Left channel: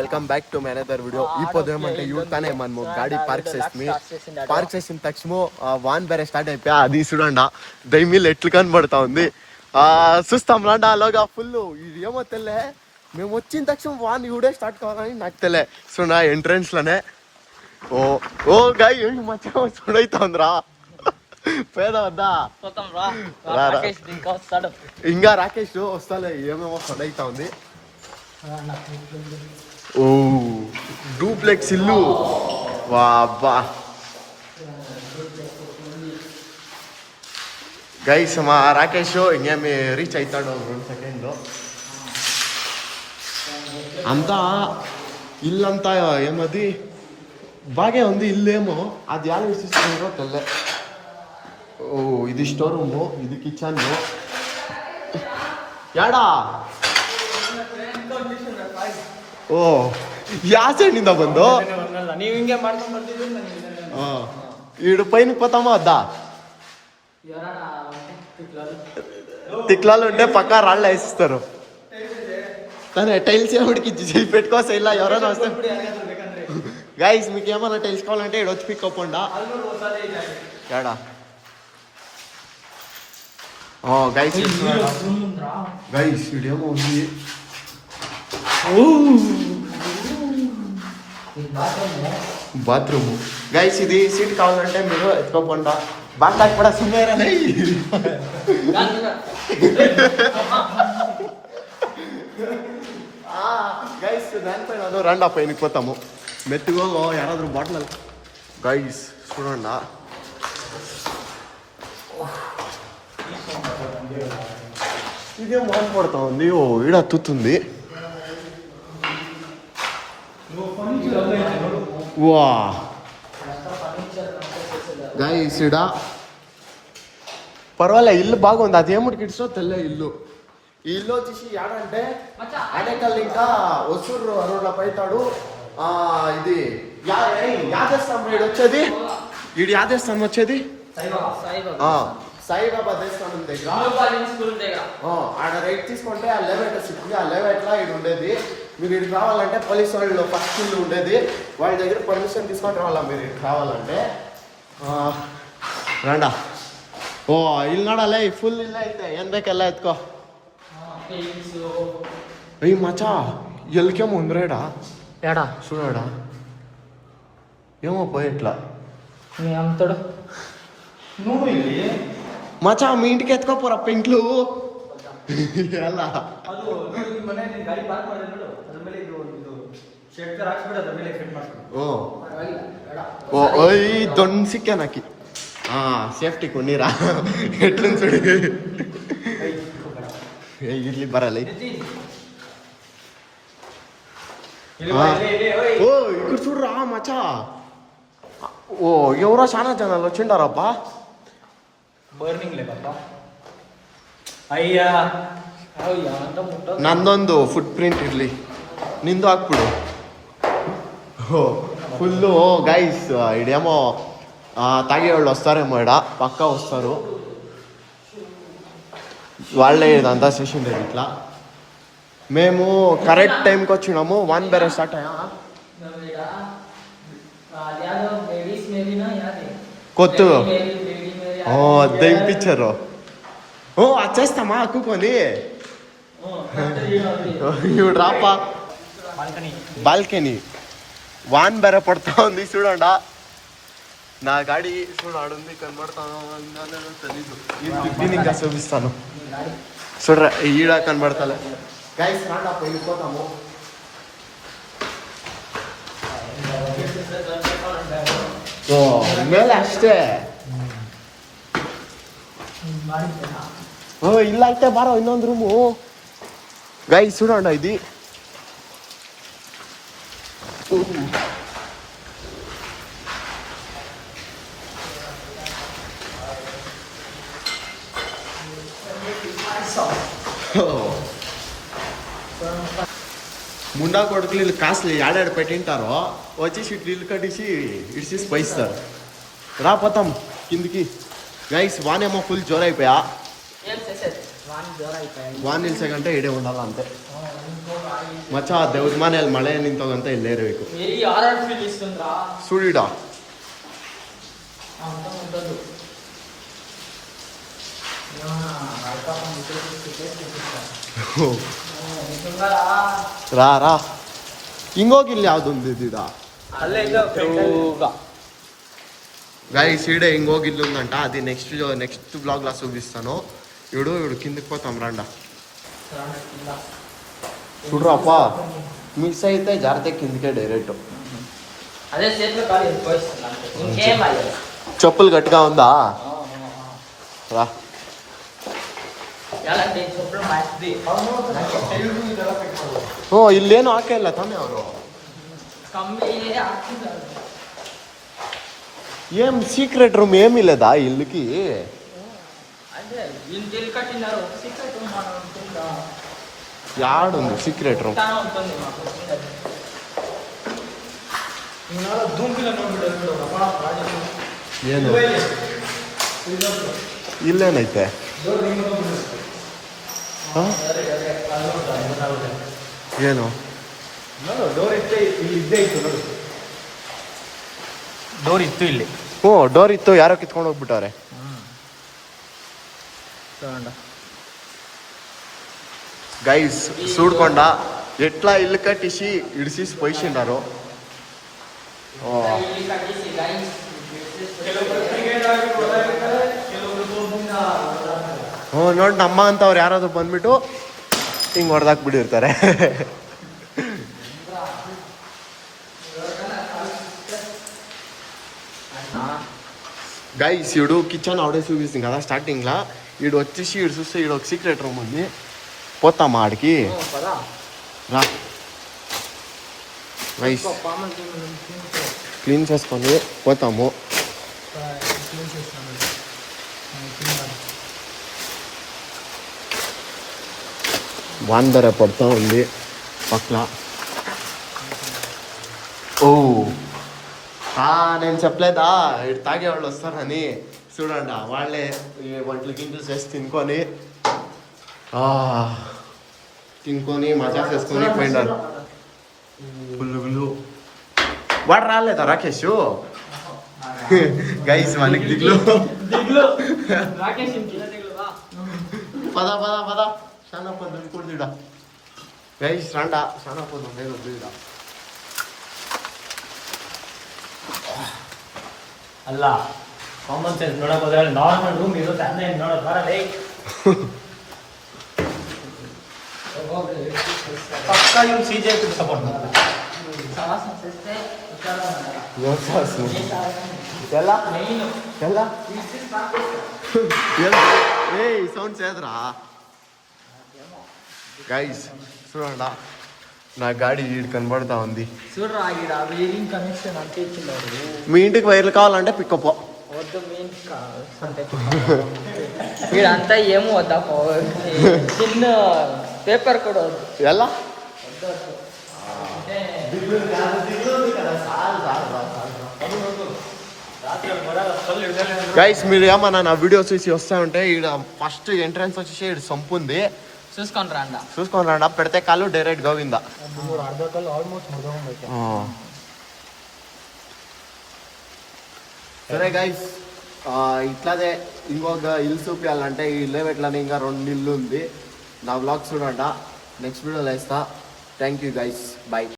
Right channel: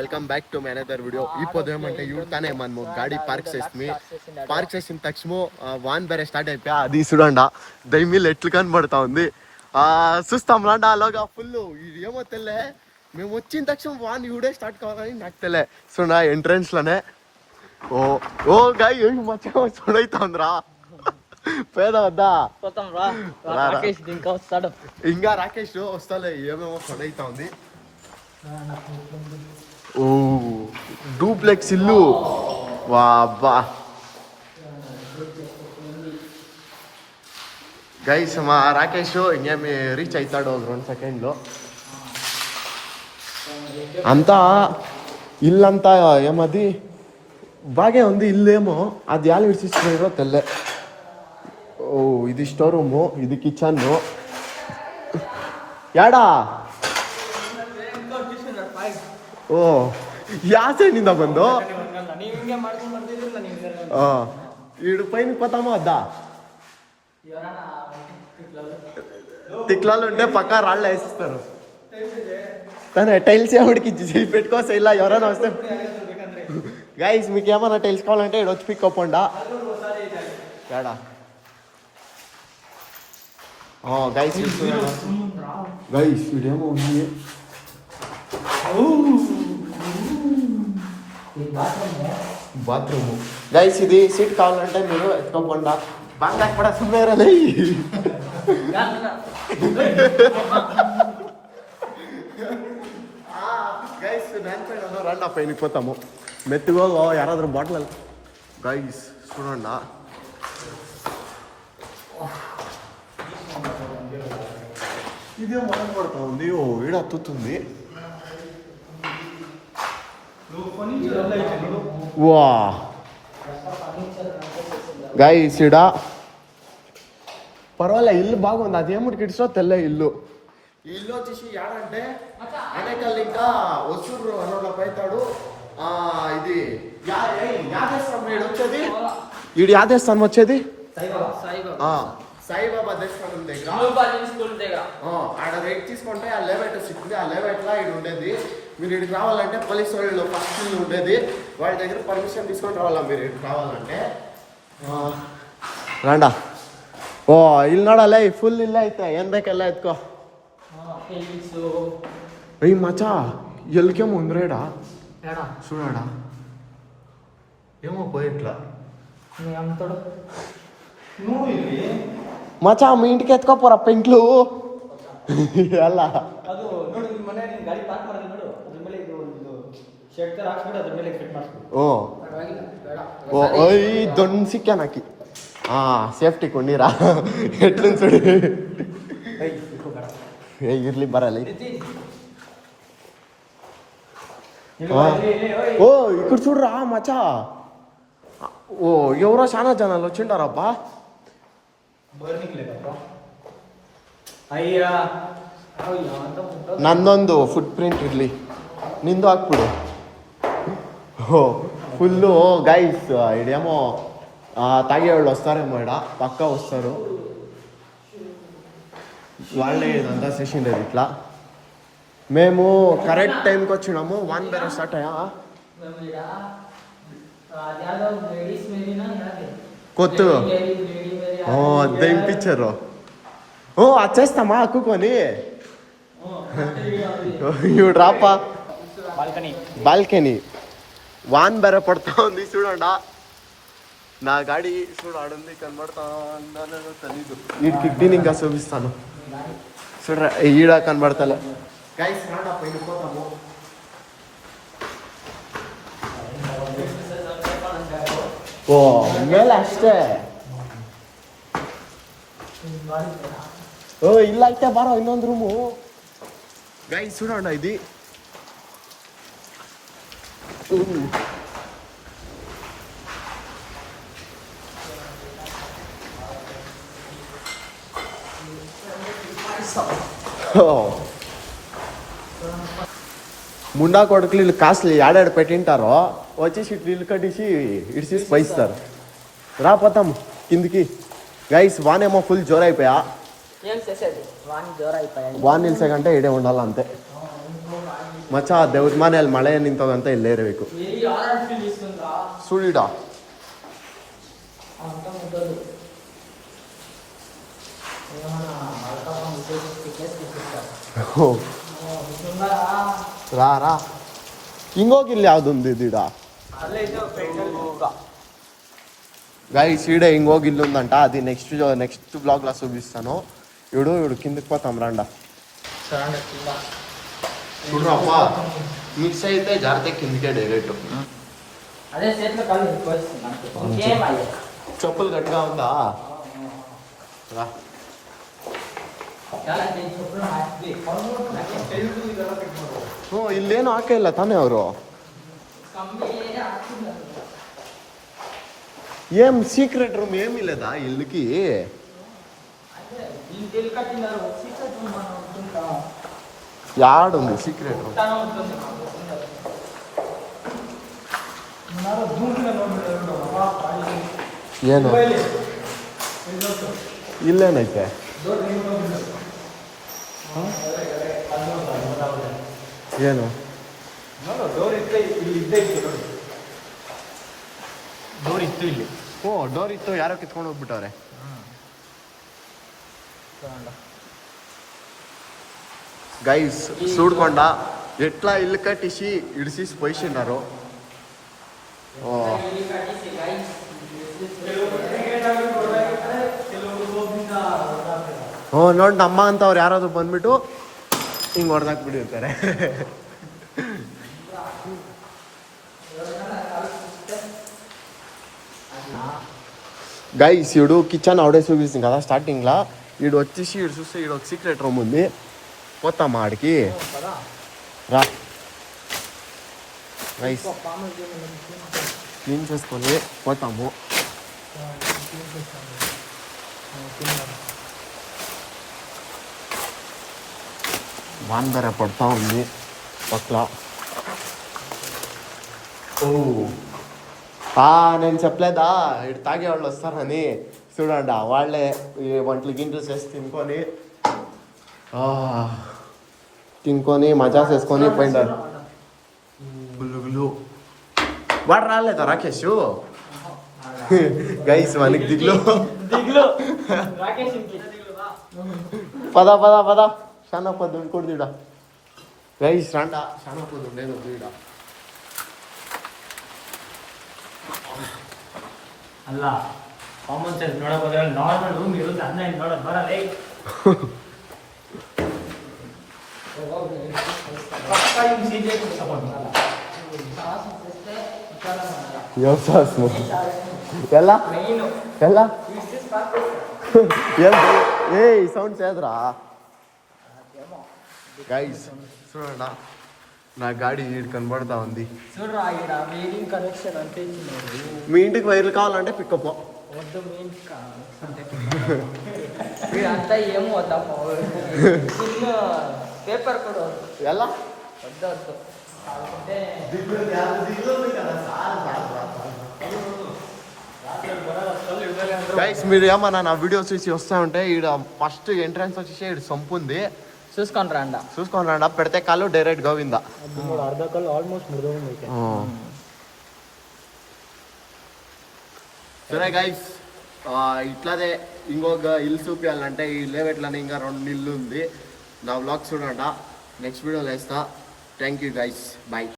Welcome back to my another video. ఇప్పుడు ఏమంటే ఇవిడతానే మనము గాడి పార్క్ చేస్తుంది. పార్క్ చేసిన తక్షణ వాన్ ಬೇರೆ స్టార్ట్ అయిపోయా. అది చూడండి దైమీలు ఎట్లు కనబడతా ఉంది. చూస్తాం రండి. అలాగా ఫుల్ ఇది ఏమో తెల్లే. మేము వచ్చిన తక్షణ వాన్ ఇవిడే స్టార్ట్ కావాలని నాకు తెలియ. చూడ ఎంట్రన్స్ లోనే ఓ గాయ ఏంటి మచ్చా చూడైతుందిరా పేద వద్దా ఇంకా రాకేష్ వస్తాలే ఏమేమో చూడైతా ఉంది. ఓ డూప్లెక్స్ ఇల్లు వాబ్బా గైస్ మా రాకేష్ ఇంకేమి రీచ్ అవుతాడు 2 సెకండ్లో. అంతా ఇల్లంతా ఏమది బాగే ఉంది. ఇల్లేమో అది ఎలా విసిస్తున్నారో తెల్లే. ఓ ఇది స్టోర్ రూము, ఇది కిచెన్. యాడా ಓ ಯಾವ ಸೈಡ್ನಿಂದ ಬಂದು ఈడు పైన పోతామా వద్దా? తిక్లాలు ఉంటే పక్కా రాళ్ళు వేసిస్తారు. కానీ టైల్స్ ఎవరికి చేయి పెట్టుకోసా ఇలా ఎవరైనా వస్తే. గైస్ మీకు ఏమన్నా టైల్స్ కావాలంటే ఇక్కడ వచ్చి పిక్ అవ్వండా. ఏడా గైస్ గైస్ ఇడేమో ఉంది. బాత్రూమ్ గైస్ ఇది సీట్ కావాలంటే మీరు ఎత్తుకోకుండా బాగా కూడా సుమేరలే. గైస్ దానిపైన రండి పైన పోతాము. మెత్తుగో యారాದ್ರೂ బాటిల్ గైస్ చూడండి. ఇదే మోన్ పడతా ఉంది. ఓ ఈడ అత్తుతుంది. వా గైస్ ఈడ పర్వాలే ఇల్లు బాగుంది. అదేమిటికి ఇడ్సో తెల్ల ఇల్లు. ఈ ఇల్లు వచ్చేసి ఏడంటే అనేకల్ ఇంకా ఒసూరు రోడ్లో పైతాడు. ఇది యాదేస్తాం ఈడు వచ్చేది. ఈడు యాదేస్తాం వచ్చేది సాయిబాబా దేవస్థానం దగ్గర. ఆడ రైట్ తీసుకుంటే ఆ లెవెట్ సిక్కింది. ఆ లెవెట్లో ఇది ఉండేది. మీరు ఇక్కడికి రావాలంటే పోలీసు వాళ్ళు ఫస్ట్ ఇల్లు ఉండేది. వాళ్ళ దగ్గర పర్మిషన్ తీసుకొని రావాలా మీరు ఇక్కడికి రావాలంటే. రండా ఓ ఇల్లు ನೋಡಲ್ಲ ఫుల్ ఇల్లు అయితే ఏం ಬೇಕೆಲ್ಲ ఎత్తుకో. అయ్యి మచా ఎల్కేమో ఉందిరేడా చూడాడా ఏమో పోయేట్లా మచా మీ ఇంటికి ఎత్తుకోపోరా పెంట్లు ఎలా దొండ సిక్కా నాకి ಸೇಫ್ಟಿ ಕೊಂಡಿರಾ ಎಟ್ಲನ್ ಸುಡಿ ಇರ್ಲಿ ಬರಲ್ಲ. ఓ ఇక్కడ చూడరా మచా. ఓ ఎవరో చాలా జనాలు వచ్చిండారబ్బా. ನಂದೊಂದು ಫುಟ್ ಪ್ರಿಂಟ್ ಇರಲಿ, ನಿಂದು ಹಾಕ್ಬಿಡು. ಓ ఫుల్లు గైస్ ఇడేమో తాగేవాళ్ళు వస్తారేమో. ఇడ పక్కా వస్తారు. వాళ్ళే ఇదంతా చేసిండేది ఇట్లా. మేము కరెక్ట్ టైంకి వచ్చినాము. వాన్ ಬೇರೆ స్టార్ట్ అయ్యా కొత్త దింపించారు. వచ్చేస్తామా అక్కుకొని ఇవి రాపా బాల్కనీ. వాన్ ಬೇರೆ పడతా ఉంది చూడండా. నా గాడి చూడాడుంది కనబడతా తెలీదు. ఈ టిడ్డీని ఇంకా చూపిస్తాను చూడరా. ఈడ కనబడతలే గైస్. రాండా వెళ్ళిపోతాము. ఓ ಮೇಲೆ ಅಷ್ಟೇ. ಓ ಇಲ್ಲ ಐತೆ ಬಾರೋ ಇನ್ನೊಂದು ರೂಮು. ಗೈಸ್ చూడండి ఇది. ముండా కొడుకులు వీళ్ళు కాస్ట్లీ ఏడాడు పెట్టింటారో వచ్చేసి ఇల్లు కట్టేసి ఇడిచేసి పైస్తారు. రాపోతాం కిందికి గైస్. వానేమో ఫుల్ జోరైపోయా. వాన్ నిలిసే కంటే ఇడే ఉండాలి అంతే. ಮಚ್ಚ ದೇವ್ರ ಮನೆಯಲ್ಲಿ ಮಳೆ ನಿಂತೋಗಂತ ಇಲ್ಲೇ ಇರಬೇಕು ಸುಡಿಡ ರಾ ರಾ ಹಿಂಗೋಗಿಲ್ಲ ಯಾವ್ದೊಂದು ಇದೀಗ గైస్ ఈడే ఇంకొక ఇల్లు ఉందంట అది నెక్స్ట్ బ్లాగ్ లా చూపిస్తాను ఇడు కిందకి పోతాం రాండా చూడరా అప్ప మిక్స్ అయితే జాగ్రత్త కిందకే డైరెక్ట్ చెప్పులు గట్టిగా ఉందా రా ಓ ಇಲ್ಲೇನು ಹಾಕೇ ಇಲ್ಲ ತಾನೇ ಅವರು ఏం సీక్రెట్ రూమ్ ఏమీ లేదా ఇల్లుకి యాడుంది సీక్రెట్ రూమ్ ಏನು ಇಲ್ಲೇನೈತೆ ಏನು ಡೋರ್ ಇತ್ತು ಇಲ್ಲಿ ಹ್ಞೂ ಡೋರ್ ಇತ್ತು ಯಾರೋ ಕಿತ್ಕೊಂಡು ಹೋಗ್ಬಿಟ್ಟವ್ರೆ గైస్ చూడకుండా ఎట్లా ఇల్లు కట్టిసి ఇడిసి పోయిసిండారు ನೋಡಿ ನಮ್ಮ ಅಂತವ್ರು ಯಾರಾದ್ರು ಬಂದ್ಬಿಟ್ಟು ಹಿಂಗೆ ಹೊಡೆದಾಕ್ ಬಿಟ್ಟಿರ್ತಾರೆ గైస్ ఈడు కిచెన్ ఆవిడే చూపిస్తుంది కదా స్టార్టింగ్లో ఈడు వచ్చేసి ఈడు చూస్తే ఈడు ఒక సీక్రెట్ రూమ్ ఉంది పోతామా ఆడికి రా గైస్ క్లీన్ చేసుకొని పోతాము వాన ಬೇರೆ పడుతూ ఉంది పక్కల ఓ నేను చెప్పలేదా ఇటు తాగే వాళ్ళు వస్తారని చూడండి వాళ్ళే ఈ వంటలు గింటలు చేసి తినుకొని మజా చేసుకొని పోయినారు పుల్లుగులు వాడు రాలేదా రాకేష్ గైస్ మనకి దిగులు పద పద పద చాలా పొద్దు కొడుతుడా గైస్ రాండా చాలా పొద్దు లేదు ఈడ ಅಲ್ಲ ಕಾಮನ್ ಸೆನ್ಸ್ ನೋಡಕ್ ಹೋದ್ರೆ ನಾರ್ಮಲ್ ರೂಮ್ ಇರೋದು ಅದನ್ನ ನೋಡೋದು ಬರಲ್ಲ ಪಕ್ಕ ನೀವು ಸಿಜೆ ಸಪೋರ್ಟ್ ಎಲ್ಲ ಎಲ್ಲ ఏ సౌండ్ చేదరా గైస్ చూడండి నా గాడి ఈడు కనబడతా ఉంది చూడరా వైరింగ్ కనెక్షన్ అంతే మీ ఇంటికి వైర్లు కావాలంటే పికప్ వీడంతా ఏమో వద్దా చిన్న పేపర్ కూడా ఎలా గైస్ మీరు ఏమన్నా నా వీడియోస్ చూసి వస్తూ ఉంటే ఈడ ఫస్ట్ ఎంట్రన్స్ వచ్చేసి ఈడు సంపు ఉంది చూసుకొని రాండా పెడితే కాళ్ళు డైరెక్ట్ గోవిందా అర్ధ కాళ్ళు ఆల్మోస్ట్ సరే గైస్ ఇట్లాదే ఇంకొక ఇల్లు చూపించాలంటే ఈ ఇల్లే పెట్టాలని ఇంకా 2 ఇల్లు ఉంది నా వ్లాగ్ చూడండి నెక్స్ట్ వీడియోలో వేస్తా థ్యాంక్ యూ గైస్ బాయ్